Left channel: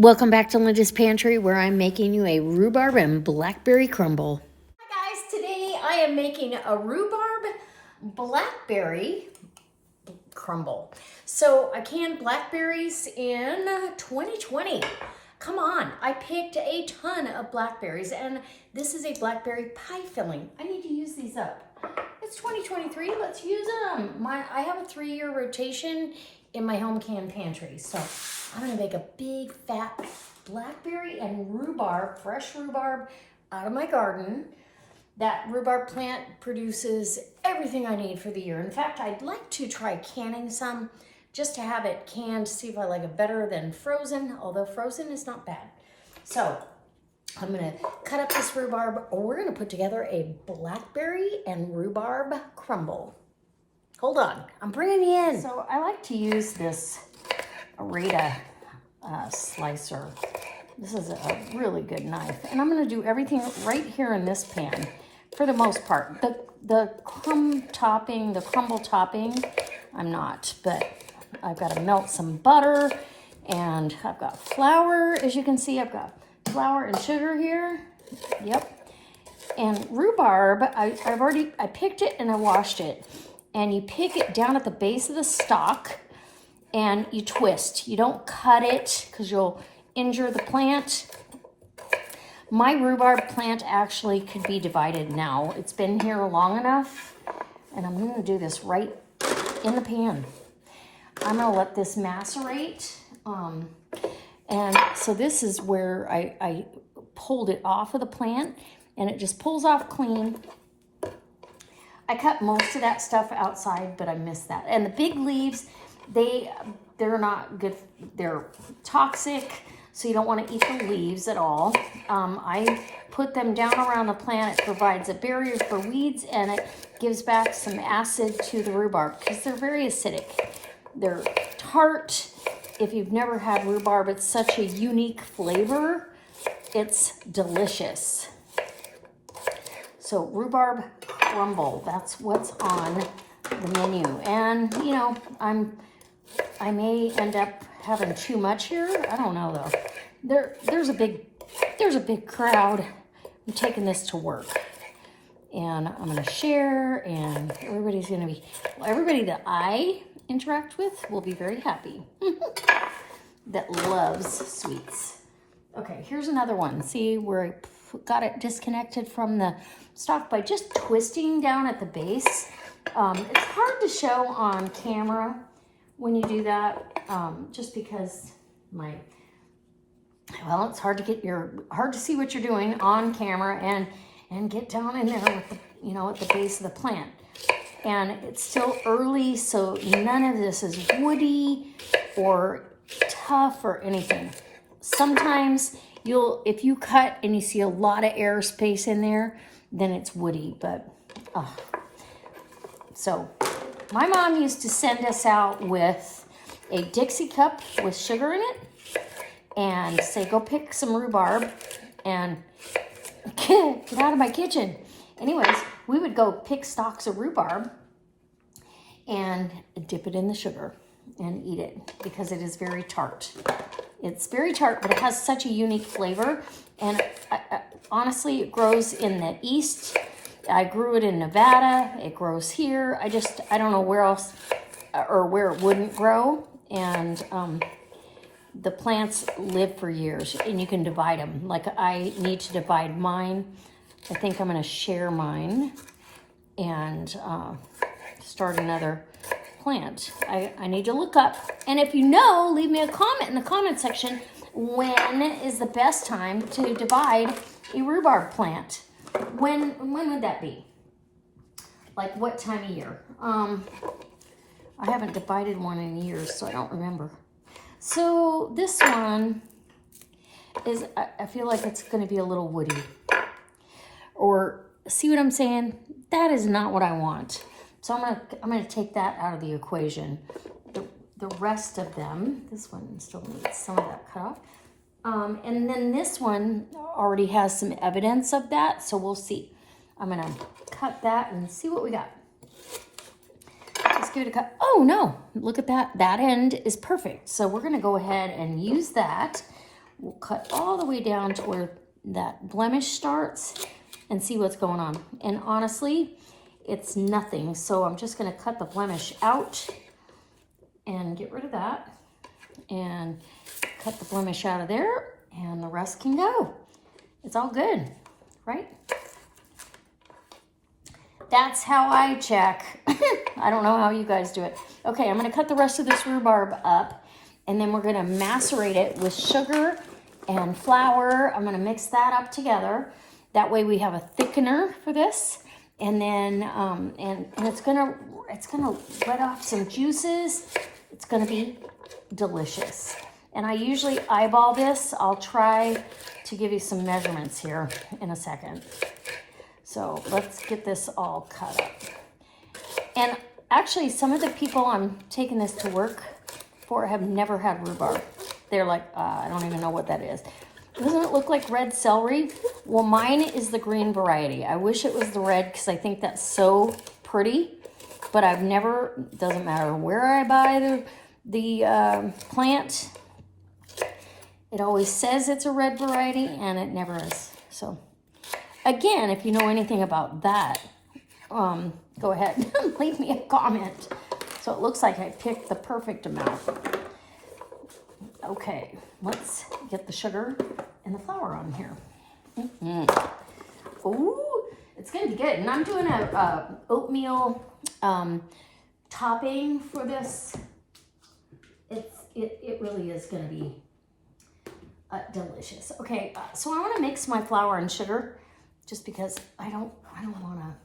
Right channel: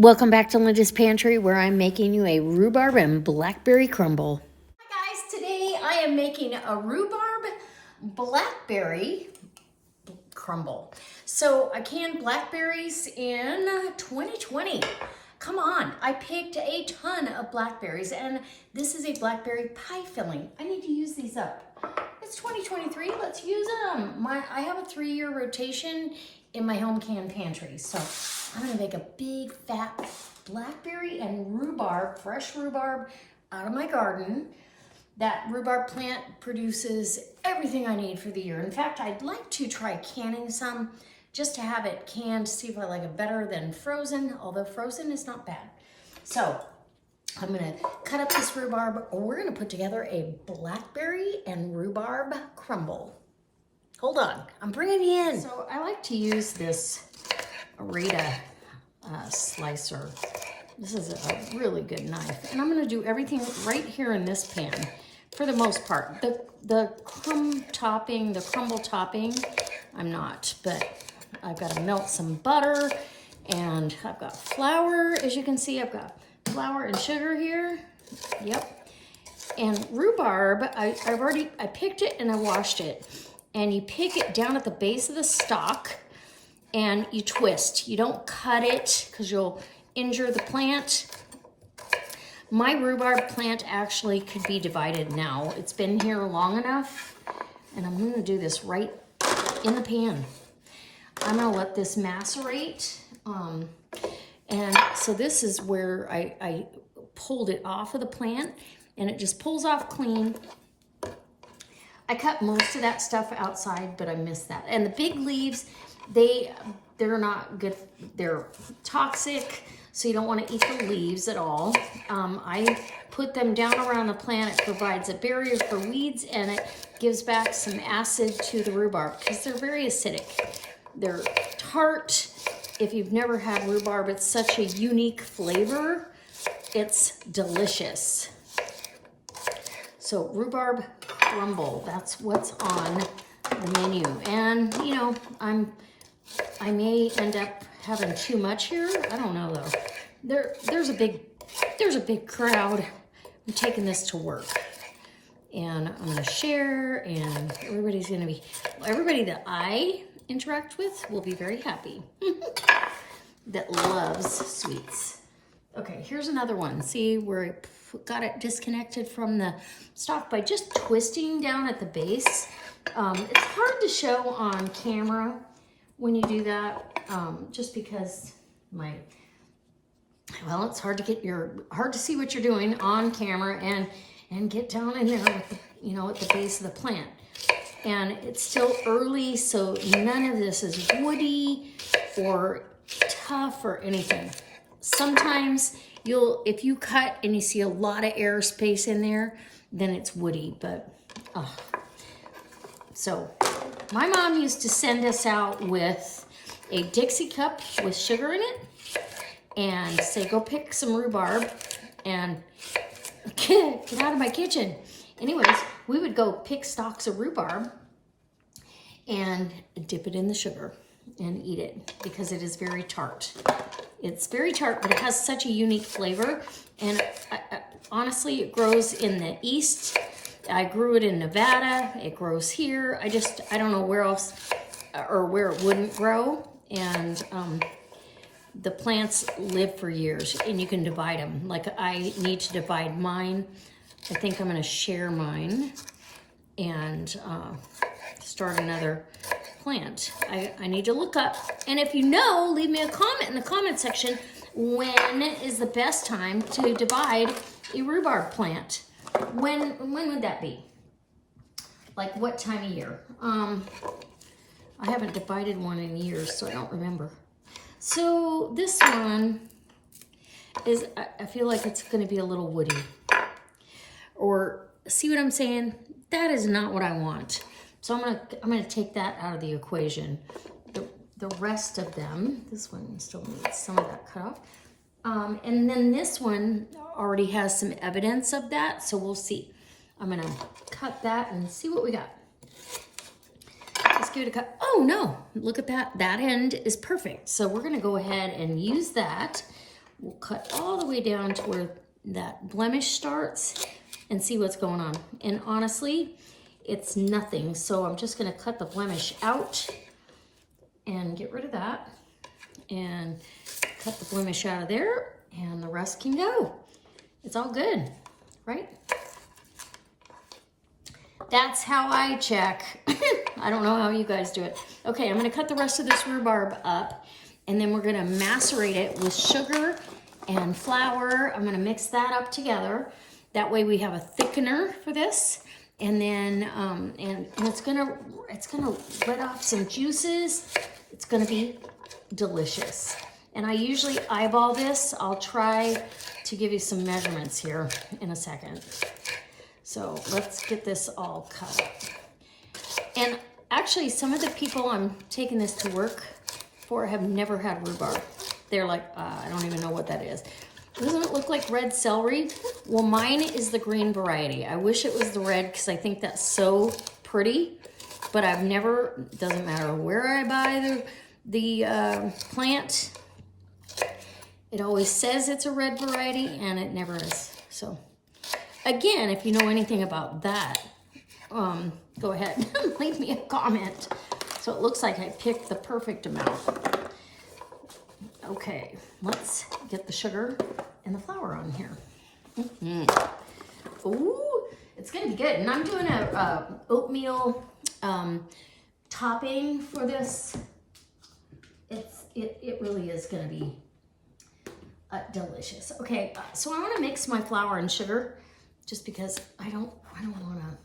Welcome back to Linda's Pantry, where I'm making you a rhubarb and blackberry crumble. Hi guys, today I am making a rhubarb blackberry crumble. So I canned blackberries in 2020. Come on, I picked a ton of blackberries, and this is a blackberry pie filling. I need to use these up. It's 2023, let's use them. I have a 3-year rotation in my home canned pantry. So I'm gonna make a big fat blackberry and rhubarb, fresh rhubarb out of my garden. That rhubarb plant produces everything I need for the year. In fact, I'd like to try canning some just to have it canned, see if I like it better than frozen, although frozen is not bad. So I'm gonna cut up this rhubarb. We're gonna put together a blackberry and rhubarb crumble. Hold on, I'm bringing you in. So I like to use this Rada slicer. This is a really good knife. And I'm gonna do everything right here in this pan for the most part. The crumble topping, I'm not, but I've got to melt some butter, and I've got flour. As you can see, I've got flour and sugar here. Yep. And rhubarb, I picked it and I washed it. And you pick it down at the base of the stalk and you twist. You don't cut it because you'll injure the plant. My rhubarb plant actually could be divided now. It's been here long enough, and I'm going to do this right in the pan. I'm going to let this macerate. And so this is where I pulled it off of the plant, and it just pulls off clean. I cut most of that stuff outside, but I missed that. And the big leaves, they're not good. They're toxic, so you don't want to eat the leaves at all. I put them down around the plant. It provides a barrier for weeds, and it gives back some acid to the rhubarb because they're very acidic. They're tart. If you've never had rhubarb, it's such a unique flavor. It's delicious. So rhubarb crumble, that's what's on the menu. And you know, I may end up having too much here. I don't know though. There's a big crowd. I'm taking this to work, and I'm gonna share, and everybody that I interact with will be very happy. That loves sweets. Okay, here's another one. See where I got it disconnected from the stalk by just twisting down at the base. It's hard to show on camera when you do that, just because it's hard to see what you're doing on camera and get down in there with at the base of the plant. And it's still early, so none of this is woody or tough or anything. Sometimes if you cut and you see a lot of air space in there, then it's woody, but, So my mom used to send us out with a Dixie cup with sugar in it and say, go pick some rhubarb and get out of my kitchen. Anyways, we would go pick stalks of rhubarb and dip it in the sugar and eat it because it is very tart. It's very tart, but it has such a unique flavor. And honestly, it grows in the East. I grew it in Nevada. It grows here. I don't know where else or where it wouldn't grow. And the plants live for years, and you can divide them. Like I need to divide mine. I think I'm going to share mine and start another plant. I need to look up, and if you know, leave me a comment in the comment section. When is the best time to divide a rhubarb plant? When would that be? Like what time of year? I haven't divided one in years, so I don't remember. So this one is, I feel like it's going to be a little woody. Or see what I'm saying? That is not what I want. So I'm gonna take that out of the equation. The rest of them, this one still needs some of that cut off. And then this one already has some evidence of that, so we'll see. I'm gonna cut that and see what we got. Let's give it a cut. Oh no, look at that. That end is perfect. So we're gonna go ahead and use that We'll cut all the way down to where that blemish starts and see what's going on. And honestly, it's nothing. So I'm just gonna cut the blemish out and get rid of that and cut the blemish out of there, and the rest can go. It's all good, right? That's how I check. I don't know how you guys do it. Okay, I'm gonna cut the rest of this rhubarb up, and then we're gonna macerate it with sugar and flour. I'm gonna mix that up together. That way we have a thickener for this. And then, and it's gonna let off some juices. It's gonna be delicious. And I usually eyeball this. I'll try to give you some measurements here in a second. So let's get this all cut up. And actually, some of the people I'm taking this to work for have never had rhubarb. They're like, I don't even know what that is. Doesn't it look like red celery? Well, mine is the green variety. I wish it was the red because I think that's so pretty. But I've never, doesn't matter where I buy the plant, it always says it's a red variety and it never is. So again, if you know anything about that, go ahead and leave me a comment. So it looks like I picked the perfect amount. Okay, let's get the sugar and the flour on here. Ooh, it's gonna be good. And I'm doing a oatmeal topping for this. It really is gonna be delicious. Okay, so I want to mix my flour and sugar, just because I don't want to.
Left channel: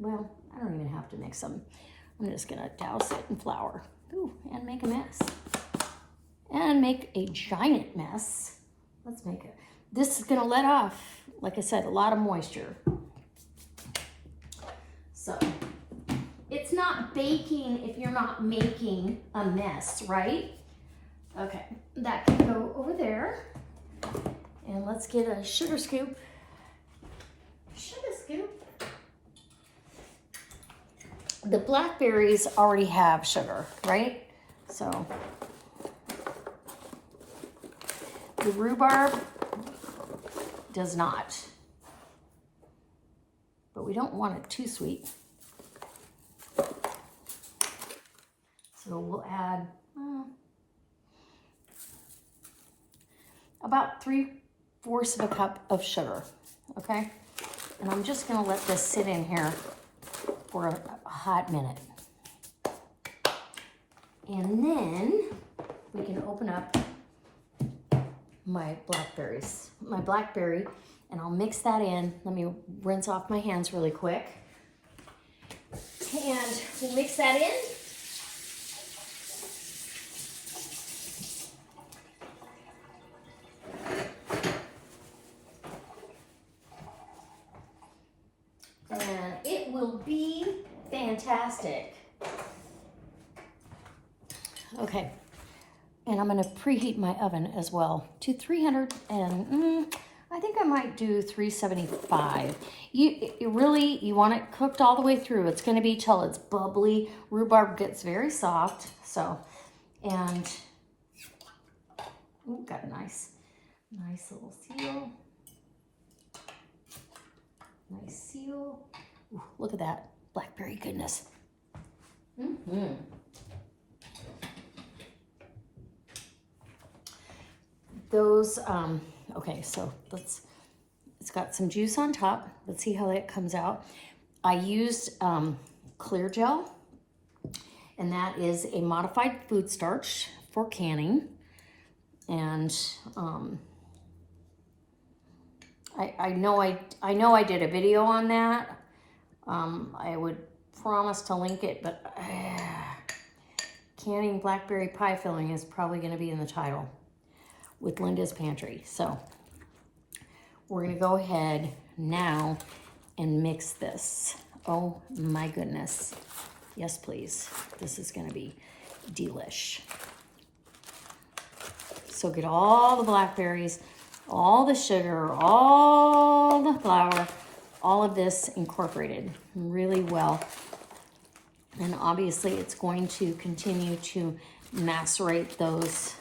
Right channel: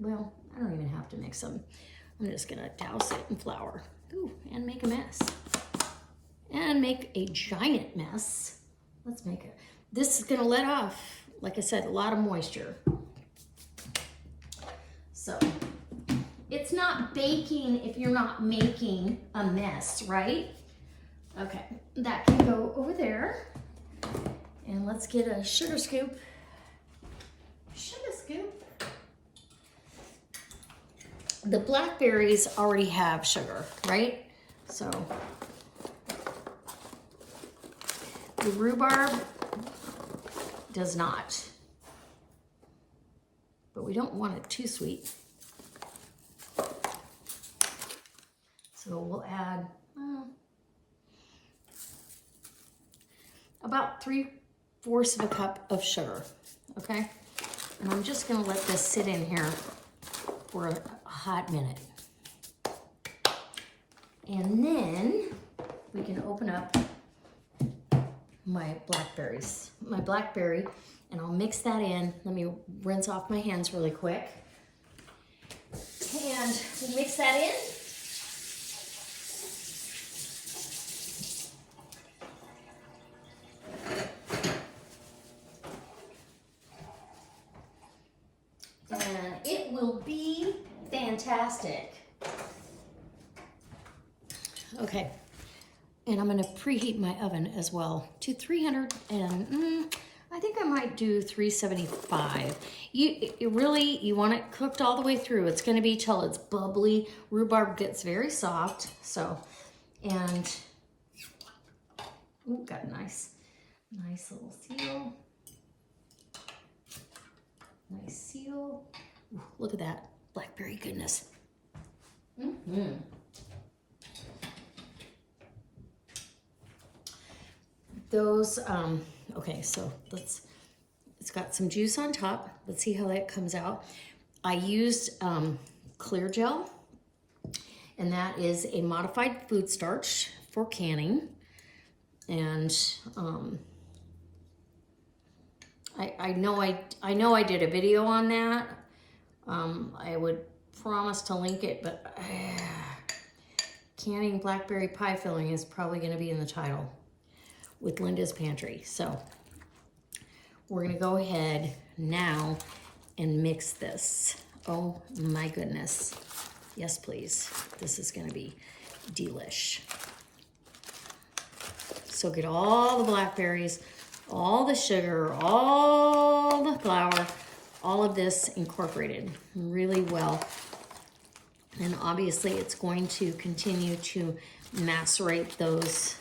Well, I don't even have to mix them. I'm just gonna douse it in flour. Ooh, and make a mess. And make a giant mess. Let's make it. This is gonna let off, like I said, a lot of moisture. So it's not baking if you're not making a mess, right? Okay, that can go over there. And let's get a sugar scoop. Sugar scoop. The blackberries already have sugar, right? So the rhubarb does not. But we don't want it too sweet. So we'll add about 3/4 of a cup of sugar, okay? And I'm just gonna let this sit in here for a hot minute. And then we can open up my blackberry, and I'll mix that in. Let me rinse off my hands really quick. And we'll mix that in. And it will be fantastic. Okay, and I'm gonna preheat my oven as well to 300, and I think I might do 375. You want it cooked all the way through. It's gonna be till it's bubbly. Rhubarb gets very soft, so, and, ooh, got a nice little seal. Nice seal. Ooh, look at that blackberry goodness. Those, okay, so it's got some juice on top. Let's see how that comes out. I used clear gel, and that is a modified food starch for canning. And I know I did a video on that. I would promise to link it, but canning blackberry pie filling is probably going to be in the title with Linda's Pantry. So we're going to go ahead now and mix this. Oh my goodness. Yes, please. This is going to be delish. So get all the blackberries, all the sugar, all the flour, all of this incorporated really well. And obviously it's going to continue to macerate those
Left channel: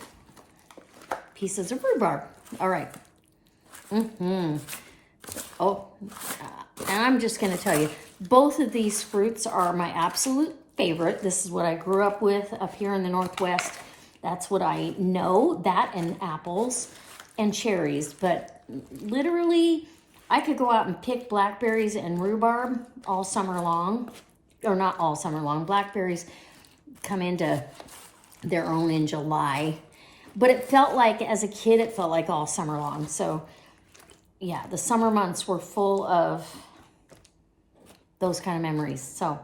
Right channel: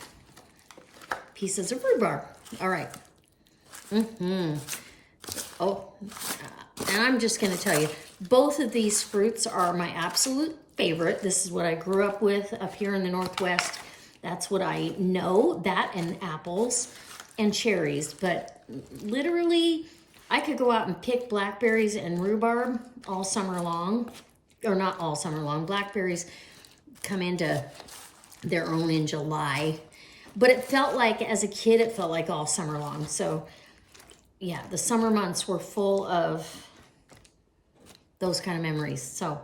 pieces of rhubarb, All right. Oh, and I'm just going to tell you, both of these fruits are my absolute favorite. This is what I grew up with up here in the Northwest. That's what I know, that and apples and cherries. But literally, I could go out and pick blackberries and rhubarb all summer long. Or not all summer long. Blackberries come into their own in July. But it felt like, as a kid, it felt like all summer long. So, yeah, the summer months were full of those kind of memories. So,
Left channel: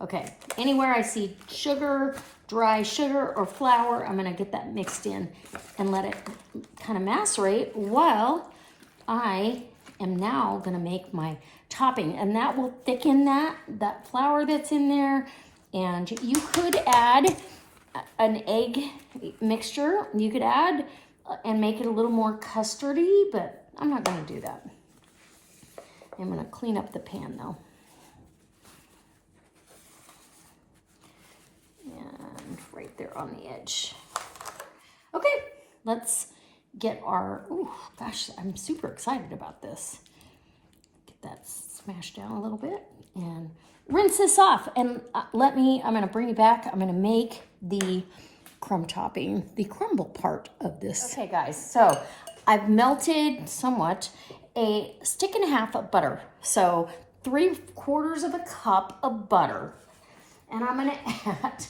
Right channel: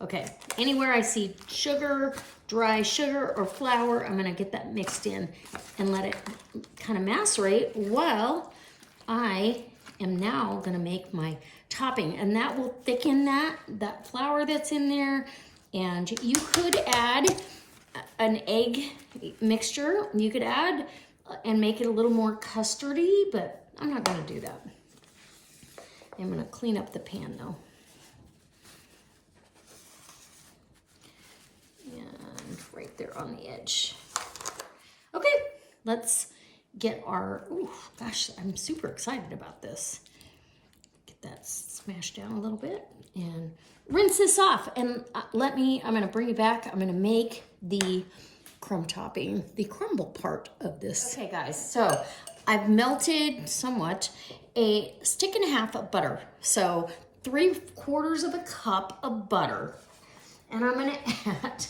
okay, anywhere I see sugar, dry sugar or flour, I'm gonna get that mixed in and let it kind of macerate while I am now gonna make my topping. And that will thicken that flour that's in there. And you could add an egg mixture. You could add and make it a little more custardy, but I'm not gonna do that. I'm gonna clean up the pan though. And right there on the edge. Okay, let's get our, oh gosh, I'm super excited about this. Get that smashed down a little bit and rinse this off. And I'm gonna bring you back. I'm gonna make the crumb topping, the crumble part of this. Okay guys, so I've melted somewhat a stick and a half of butter. So 3/4 cup of butter. And I'm gonna add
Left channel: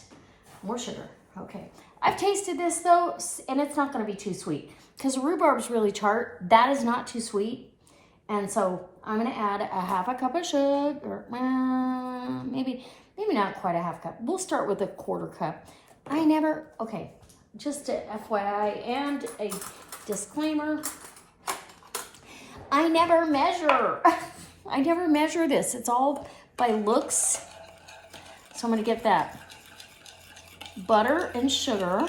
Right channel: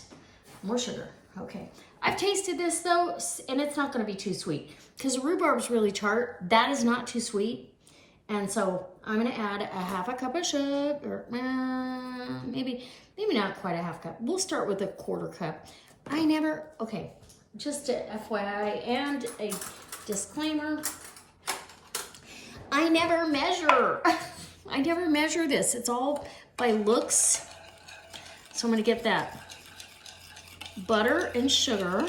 more sugar. Okay, I've tasted this though, and it's not gonna be too sweet because rhubarb's really tart. That is not too sweet. And so I'm gonna add a 1/2 cup of sugar, maybe not quite a 1/2 cup. We'll start with a 1/4 cup. Okay, just a FYI and a disclaimer, I never measure. I never measure this. It's all by looks. So I'm gonna get that butter and sugar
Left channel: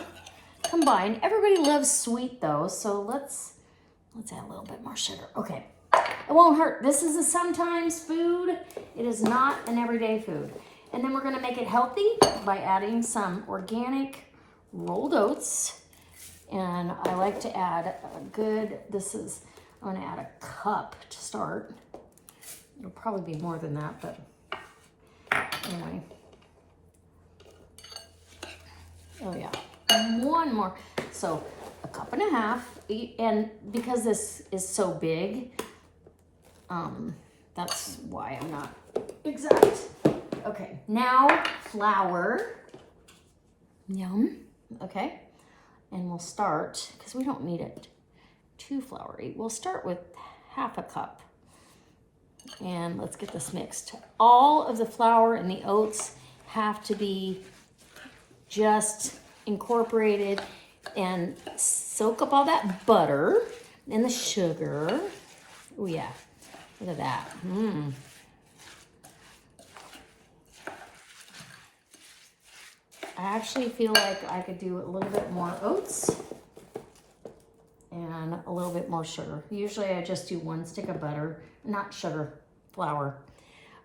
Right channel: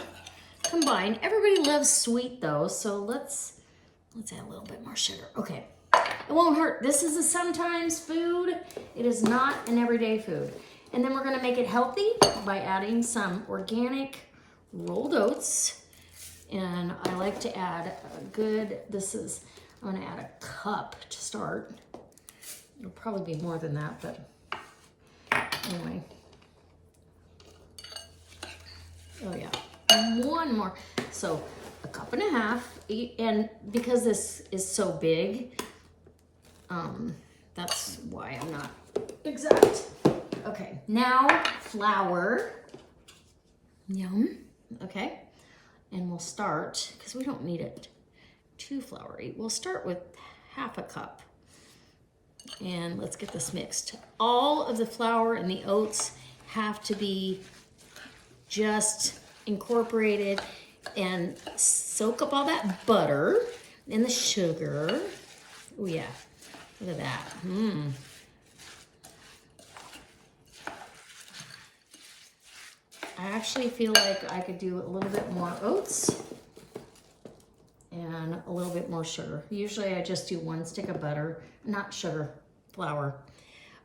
combined. Everybody loves sweet though, so let's add a little bit more sugar. Okay, it won't hurt. This is a sometimes food. It is not an everyday food. And then we're gonna make it healthy by adding some organic rolled oats. And I like to add I'm gonna add a cup to start. It'll probably be more than that, but anyway. Oh yeah, one more. So 1.5 cups, and because this is so big, that's why I'm not exact. Okay, now flour. Yum. Okay, and we'll start, because we don't need it too floury. We'll start with 1/2 cup. And let's get this mixed. All of the flour and the oats have to be just incorporated and soak up all that butter and the sugar. Oh yeah, look at that. I actually feel like I could do a little bit more oats and a little bit more sugar. Usually I just do 1 stick of butter, not sugar, flour.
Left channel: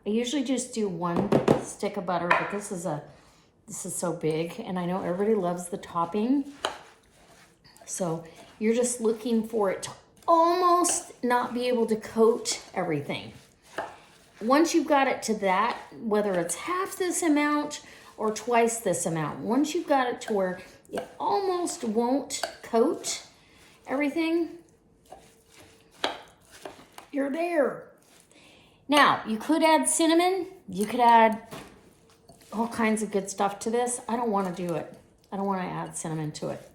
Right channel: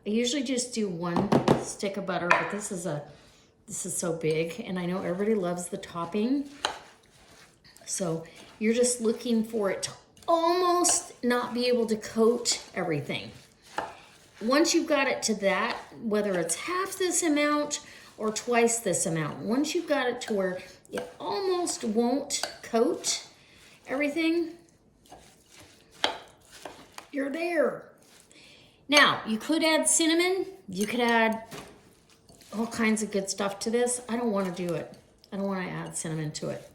I usually just do 1 stick of butter, but this is so big, and I know everybody loves the topping. So you're just looking for it to almost not be able to coat everything. Once you've got it to that, whether it's half this amount or twice this amount, once you've got it to where it almost won't coat everything, you're there. Now, you could add cinnamon. You could add all kinds of good stuff to this. I don't want to do it. I don't want to add cinnamon to it.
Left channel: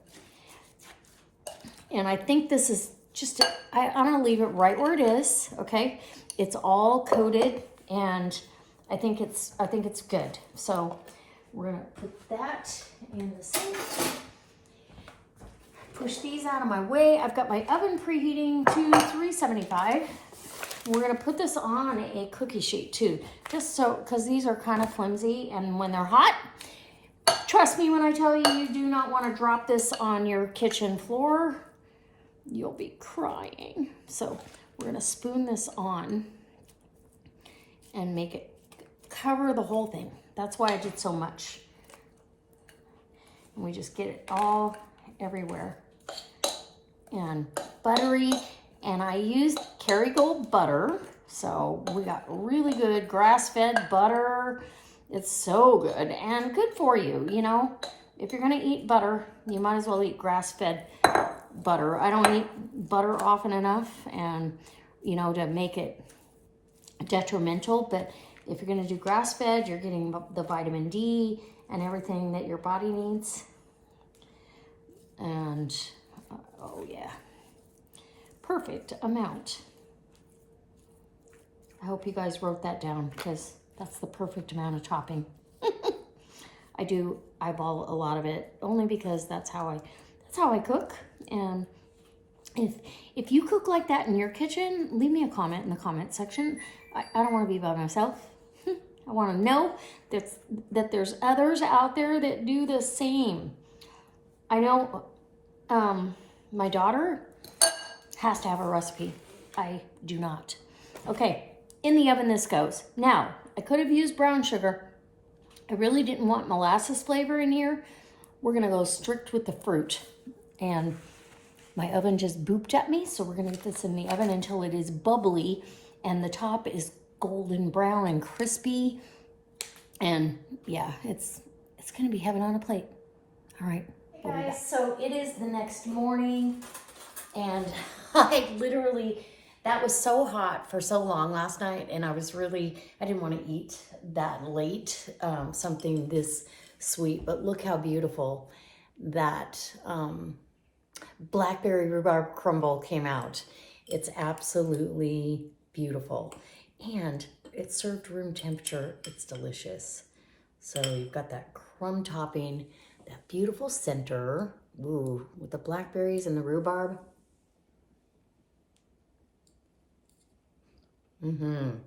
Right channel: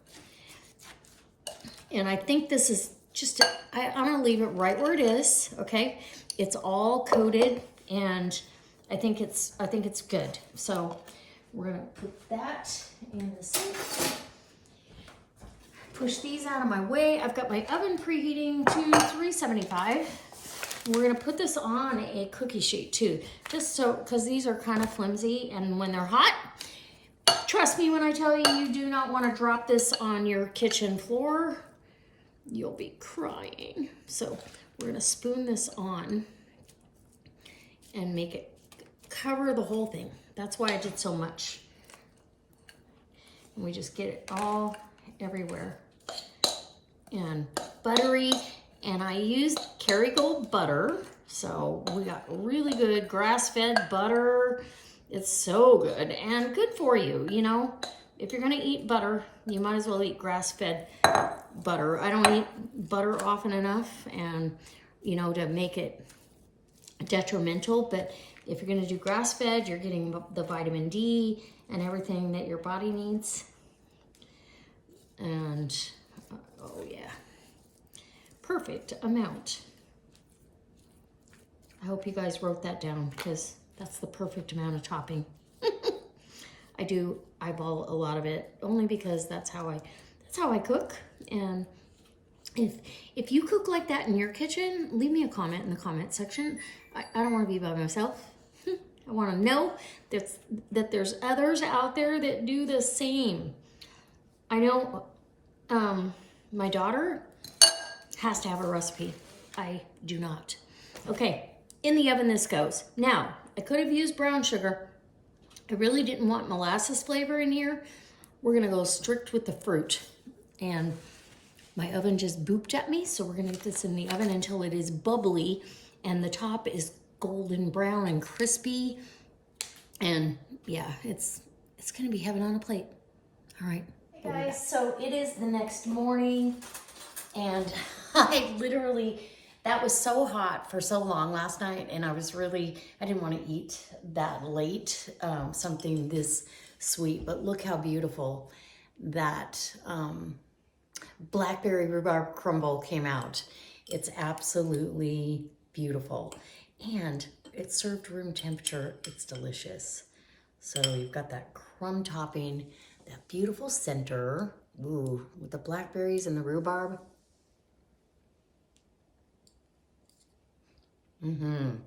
And I think this is just, I'm going to leave it right where it is, okay? It's all coated, and I think it's good. So we're going to put that in the sink. Push these out of my way. I've got my oven preheating to 375. We're gonna put this on a cookie sheet too, just so, because these are kind of flimsy, and when they're hot, trust me when I tell you, you do not want to drop this on your kitchen floor. You'll be crying. So we're gonna spoon this on and make it cover the whole thing. That's why I did so much. And we just get it all everywhere. and buttery. And I used Kerrygold butter. So we got really good grass-fed butter. It's so good and good for you, you know. If you're gonna eat butter, you might as well eat grass-fed butter. I don't eat butter often enough, and you know, to make it detrimental, but if you're gonna do grass-fed, you're getting the vitamin D and everything that your body needs. And oh yeah, perfect amount. I hope you guys wrote that down, because that's the perfect amount of topping. I do eyeball a lot of it, only because that's how I cook. And if you cook like that in your kitchen, leave me a comment in the comment section. I don't want to be by myself. I want to know that there's others out there that do the same. I know my daughter has to have a recipe. I do not. Okay, in the oven this goes. Now, I could have used brown sugar. I really didn't want molasses flavor in here. We're gonna go strict with the fruit. And my oven just booped at me, so we're gonna get this in the oven until it is bubbly and the top is golden brown and crispy. And yeah, it's gonna be heaven on a plate. I right. Hey guys, so it is the next morning, and I literally, that was so hot for so long last night, and I didn't want to eat that late, something this sweet, but look how beautiful that Blackberry Rhubarb Crumble came out. It's absolutely beautiful, and it's served room temperature. It's delicious. So you've got that crumb topping, that beautiful center, ooh, with the blackberries and the rhubarb. And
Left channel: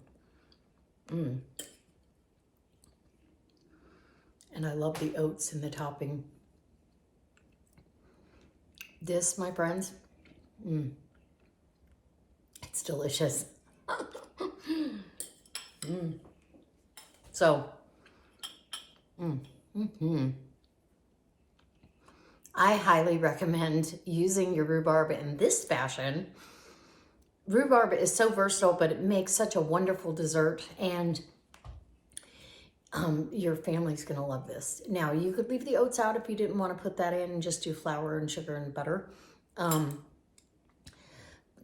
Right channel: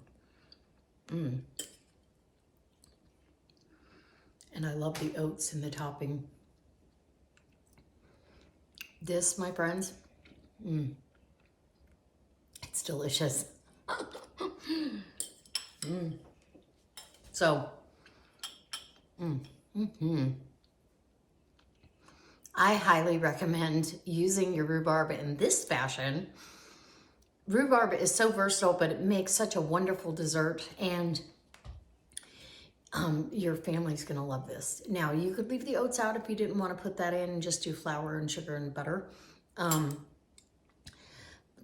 I love the oats in the topping. This, my friends, it's delicious. So, I highly recommend using your rhubarb in this fashion. Rhubarb is so versatile, but it makes such a wonderful dessert, and your family's gonna love this. Now, you could leave the oats out if you didn't want to put that in and just do flour and sugar and butter.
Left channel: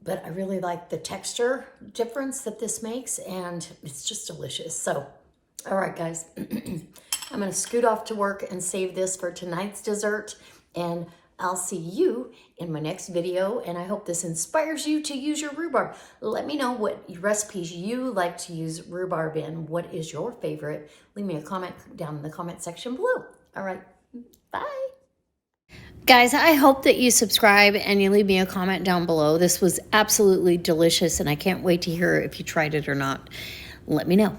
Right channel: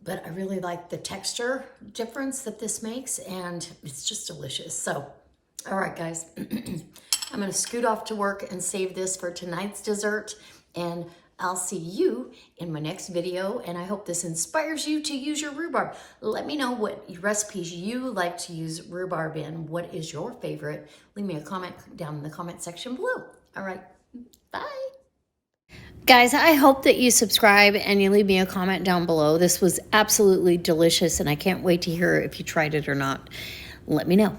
But I really like the texture difference that this makes, and it's just delicious. So, all right, guys, I'm gonna scoot off to work and save this for tonight's dessert, and I'll see you in my next video, and I hope this inspires you to use your rhubarb. Let me know what recipes you like to use rhubarb in. What is your favorite? Leave me a comment down in the comment section below. All right, bye. Guys, I hope that you subscribe and you leave me a comment down below. This was absolutely delicious, and I can't wait to hear if you tried it or not. Let me know.